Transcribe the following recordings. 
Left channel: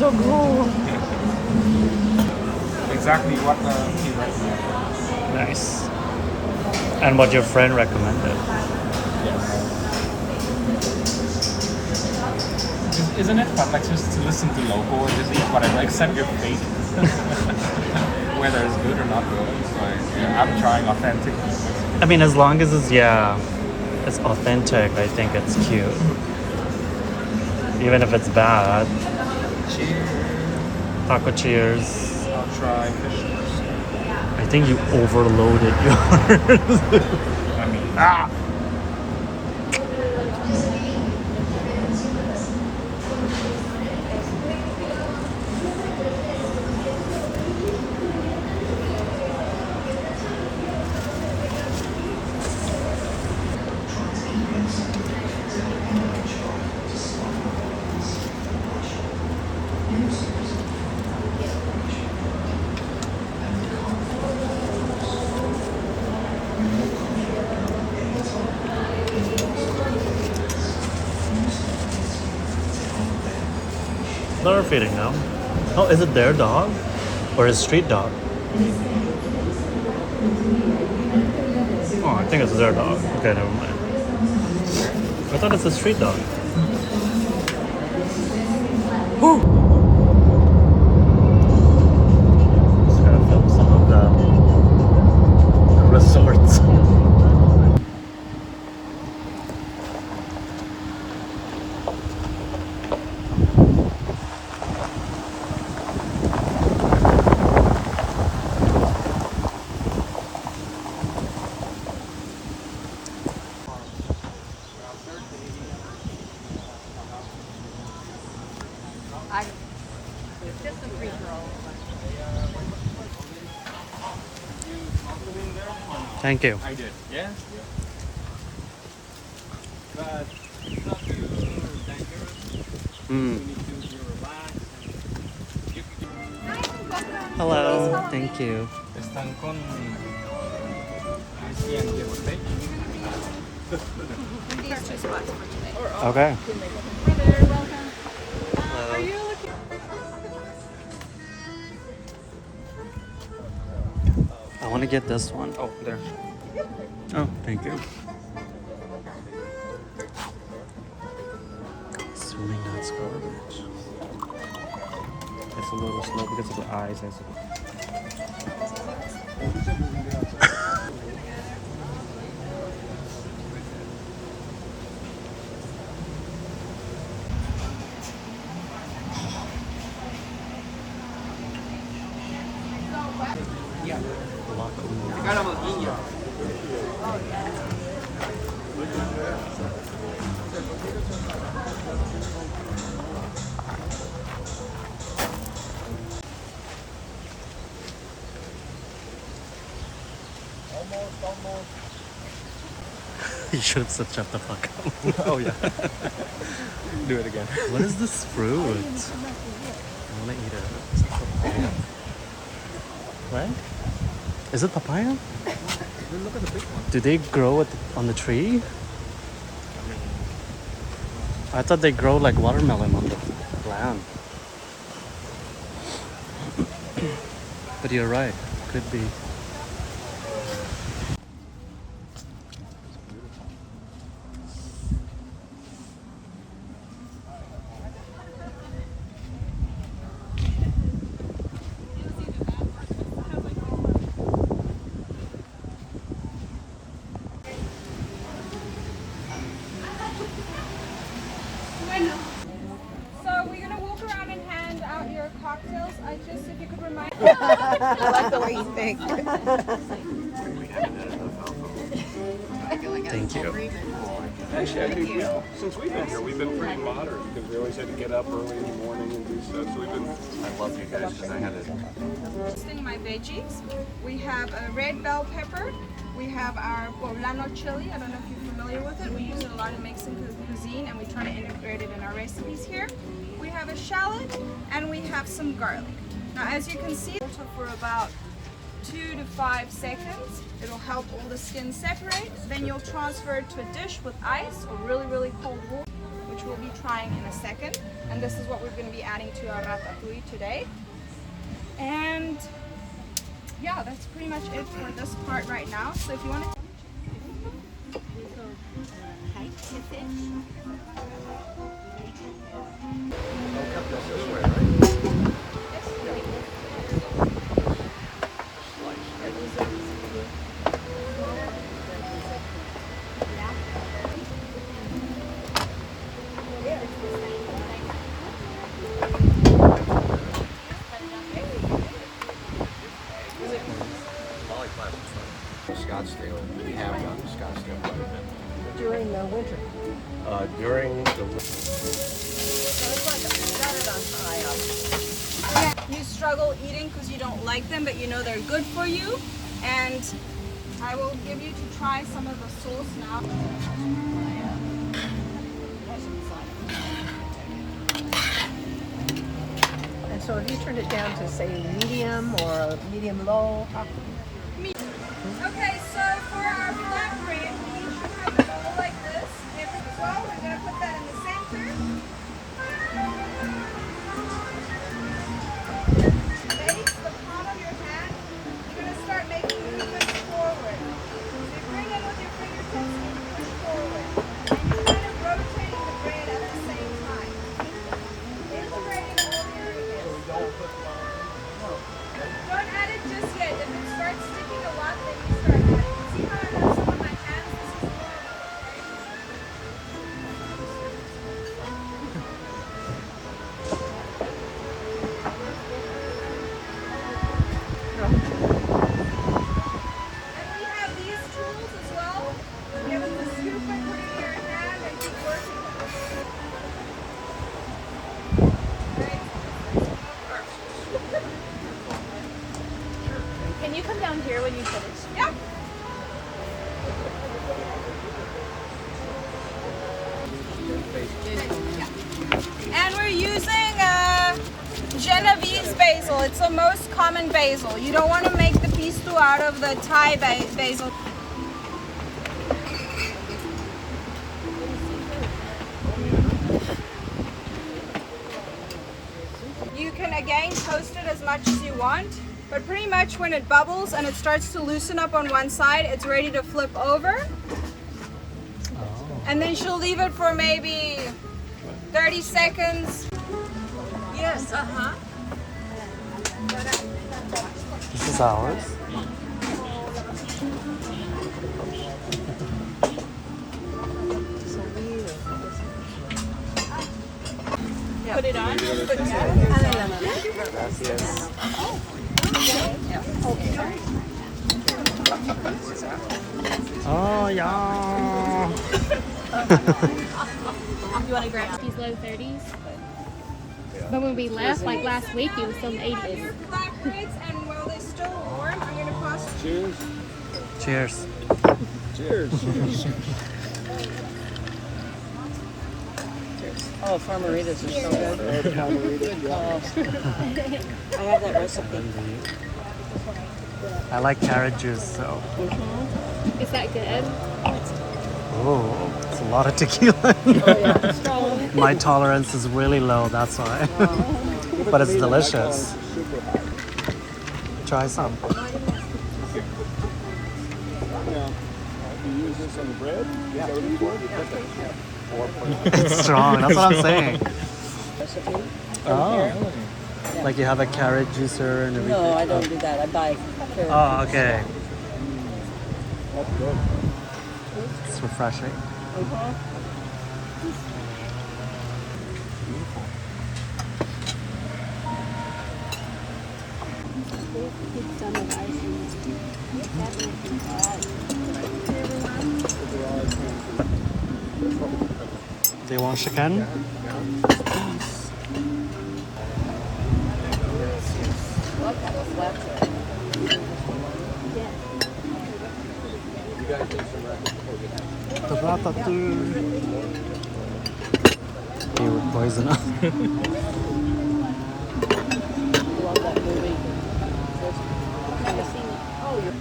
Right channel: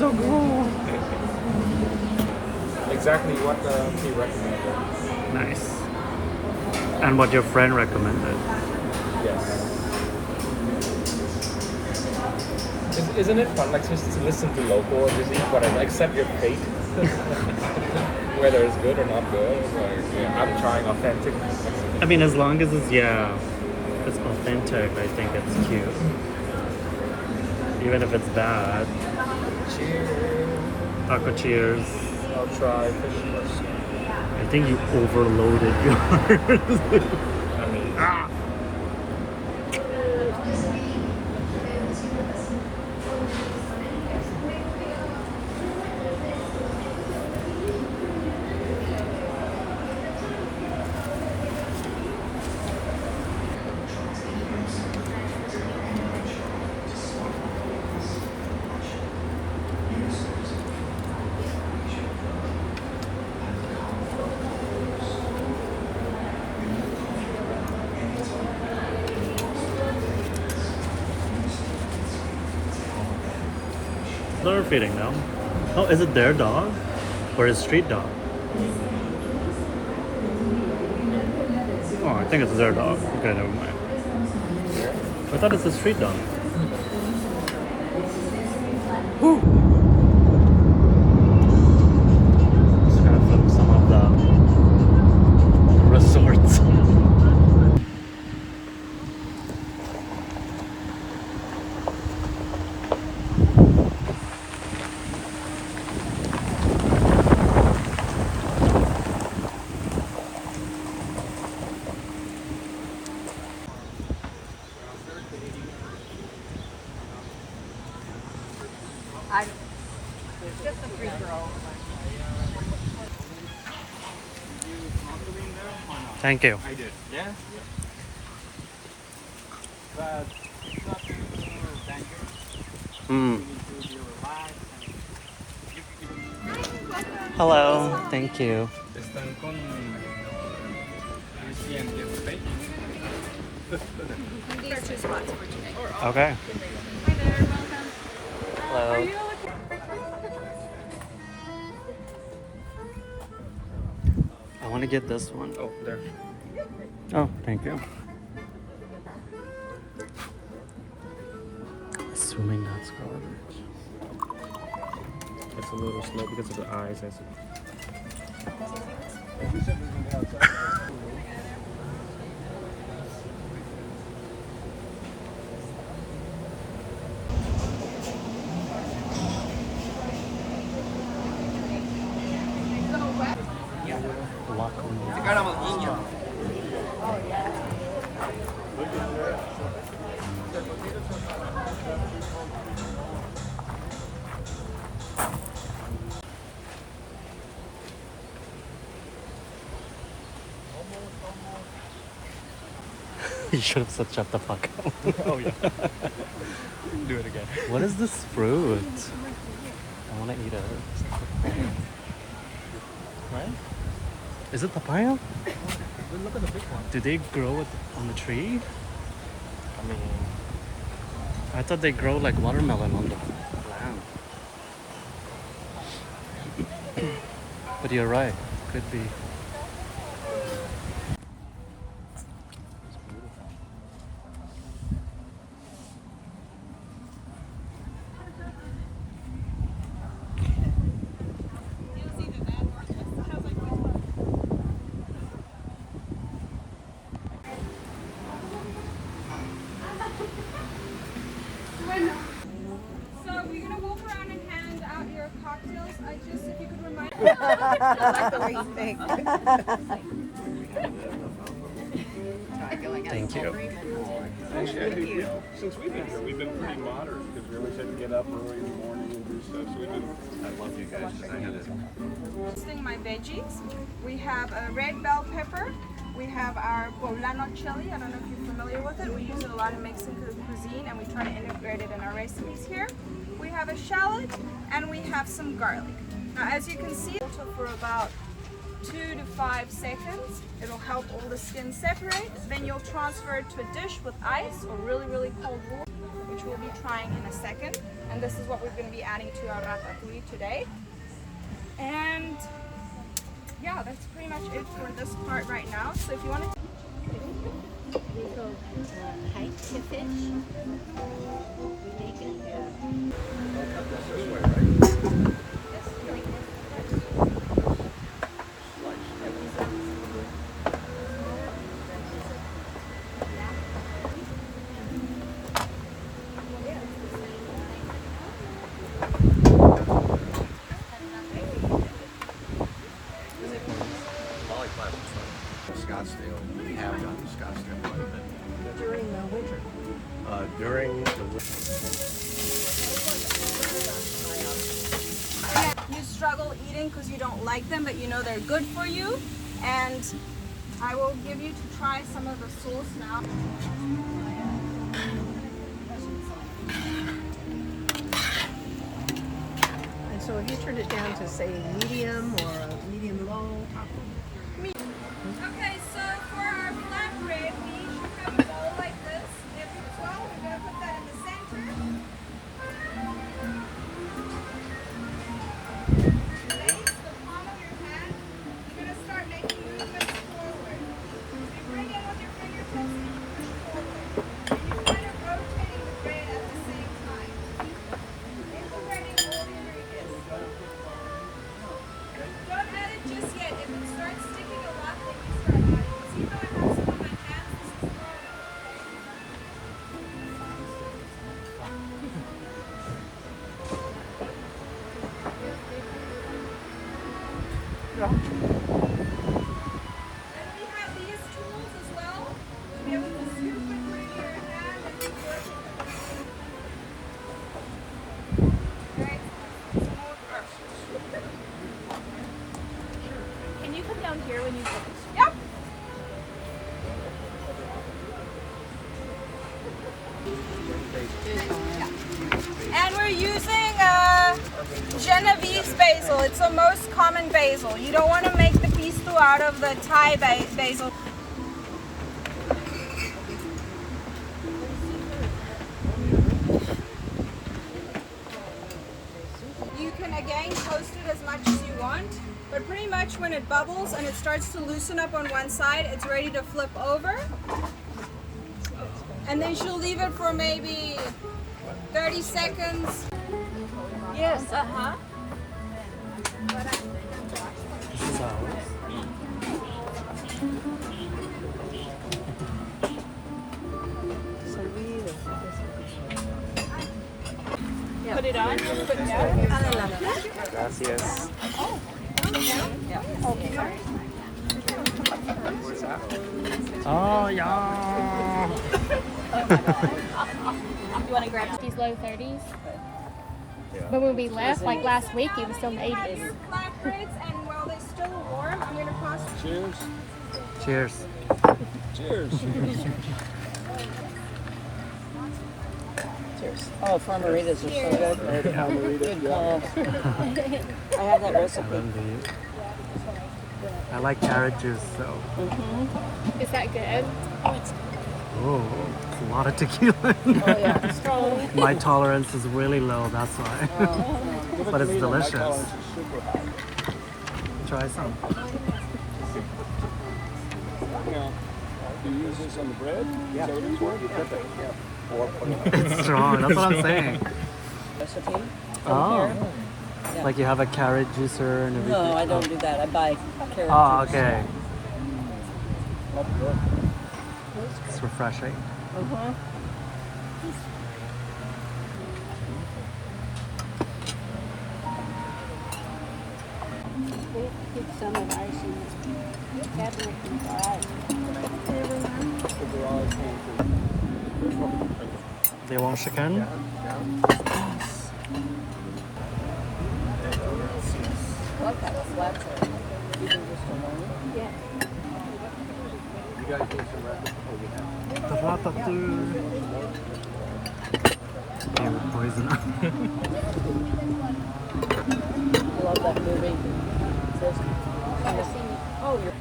so cool. Exactly what he recommended. Nice. And what your friend recommended. Yes. Isn't it fun, like, just to listen to local and just eat whatever, accept your fate, whether it's good or not good. Like, yeah, I'm trying authentic Mexican. I mean, as long as it's it's authentic. I think it's cute. Even if it's bad. Cheers. Taco cheers. I'll try fish first. I think you overloaded yours. I mean, They're feeding them. Oh, is it their dog? Or his street dog? Oh, I think it's their dog. Okay, never mind. I thought it's a street dog. Woo! Just gonna film some of the resorts. I don't. Just a free throw. you snorkeling there or not? Thank you. I did. Yeah? Yeah. But it's not too dangerous. Mm. You need to be relaxed. And you Hello. Thank you. están con Nancy and the stage. These two spots for today. Okay. Hello. Are you looking? I want to get this one. Oh, there. Oh, thank you. Assuming that's garbage. It's a little slow because of the eyes, I suppose. You should have said shut the fuck up. Oh, yeah. Do it again. What is this fruit? I want to eat it. Right? Is it papaya? Look at the big one. Do they grow on the tree? I mean, I thought they grow like watermelon on the land. But you're right. Could be. So we're gonna walk around and hand out your cocktails. I just, if you could remind. Like the way you think. Thank you. actually, I think since we've been here, we've been pretty modern because we always had to get up early in the morning and do stuff. So we've been. I love you guys because I had it. Roasting my veggies. We have a red bell pepper. We have our poblano chili. I don't know if you're familiar with it. We use it a lot in Mexican cuisine and we try to integrate it in our recipes here. We have a shallot and we have some garlic. Now as you can see, for about 2 to 5 seconds. It'll help all the skin separate. Then you'll transfer it to a dish with ice or really, really cold water, which which we'll be trying in a second. And this is what we're going to be adding to our ratatouille today. And yeah, that's pretty much it for this part right now. So if you want to Hike the fish. I'll cut this this way, right? Scottsdale, we have done Scottsdale quite a bit. During the winter. During the you struggle eating because you don't like them, but you know they're good for you. And I will give you to try some of the sauce now. And so if you turn it down to say medium or medium low, Okay, so for our flatbread, we should have a bowl like this. Every 12, we're going to put that in the center. Base the palm of your hand. You're going to start making movements forward. So you bring in with your fingertips and you push forward. And you're kind of rotating the bread at the same time. Integrating all the ingredients. Don't add it just yet. If it starts sticking a lot, then you start adding. See how I have some on my hands? This is normal, And we have these tools as well. You'll be able to scoop it, put it in your hand, and keep working with it. Right? Can you come down here when you finish? Yep. And we're using Genovese basil. It's the most common basil. You don't want to make the pesto out of the Thai basil. You can again toast it as much as you want, but pretty much when it bubbles and it starts to loosen up on one side, it's ready to flip over. And then she'll leave it for maybe 30 seconds. yes, uh-huh. This is ours. Put it on. Oh yeah. You want to grab these low 30s? But when we left, like last week, it was still in the 80s. Flatbreads, and while they're still warm, I'm going to pass. Cheers. Cheers. Cheers. Oh, farmeritas are so good. I have that recipe. I like carrot juice, so. Is that good? Oh, it's a lot of tequila. Strong. My tolerance is really low, that's why. But it's delicious. Try some. You use this on the bread? Yeah. It's strong, that's what I'm saying. Recipe? Oh. Like you have a carrot juicer and everything. No, I don't do that. I buy carrot. Oh, okay. It's refreshing. They want chicken? The ratatouille. They would poison us. Love that movie. Have seen it? Oh, you're...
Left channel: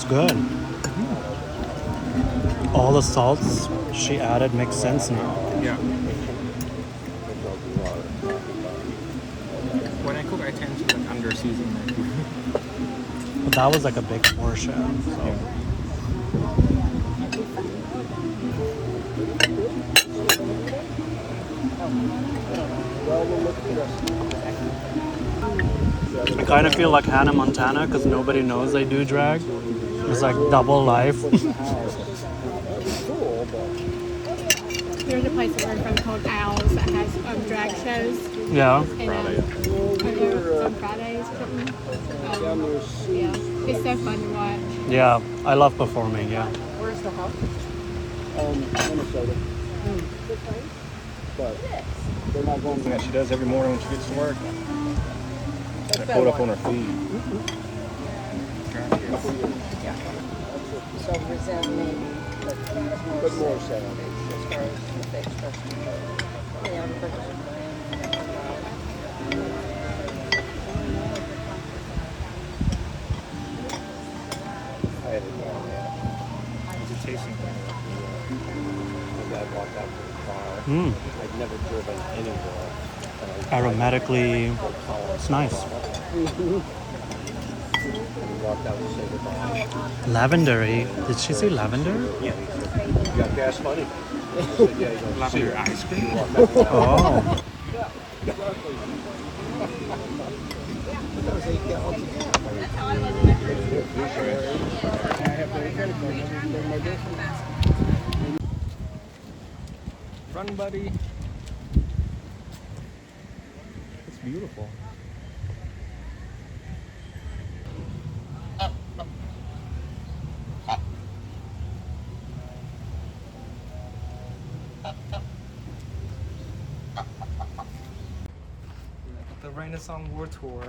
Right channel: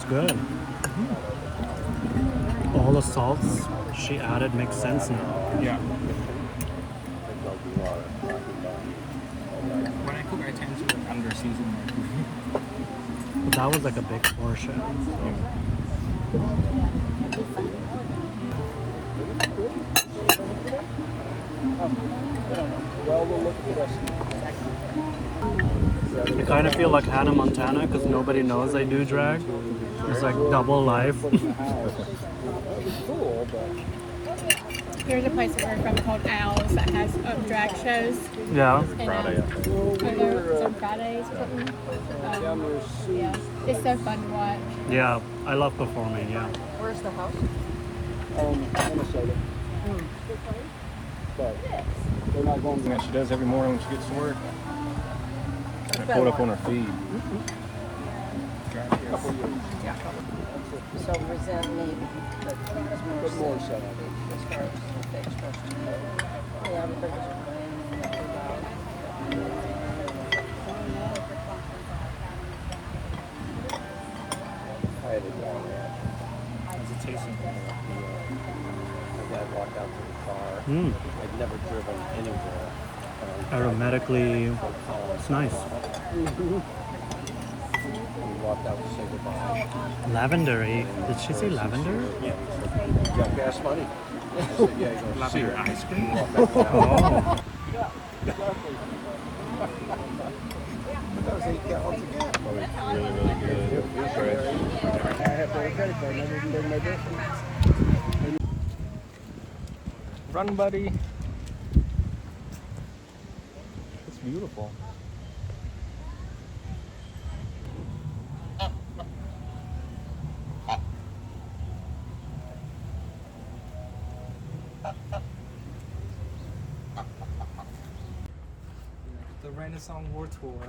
It's good. All the salts she added make sense now. Yeah. When I cook, I tend to like under season my food. But that was like a big portion. So. Yeah. I kind of feel like Hannah Montana because nobody knows I do drag. It's like double life. There's a place that we're from called Owls that has drag shows. Yeah. And it's on Fridays or something. Yeah, it's so fun to watch. Yeah. I love performing. Yeah. Yeah, she does every morning when she gets to work. I pulled up on her feed. So resentment, but more so. How's it tasting? Mm. Aromatically, it's nice. Lavendery. Did she say lavender? Yeah. You got gas money. Lavender ice cream. Oh. Run, buddy. It's beautiful. The Renaissance War Tour.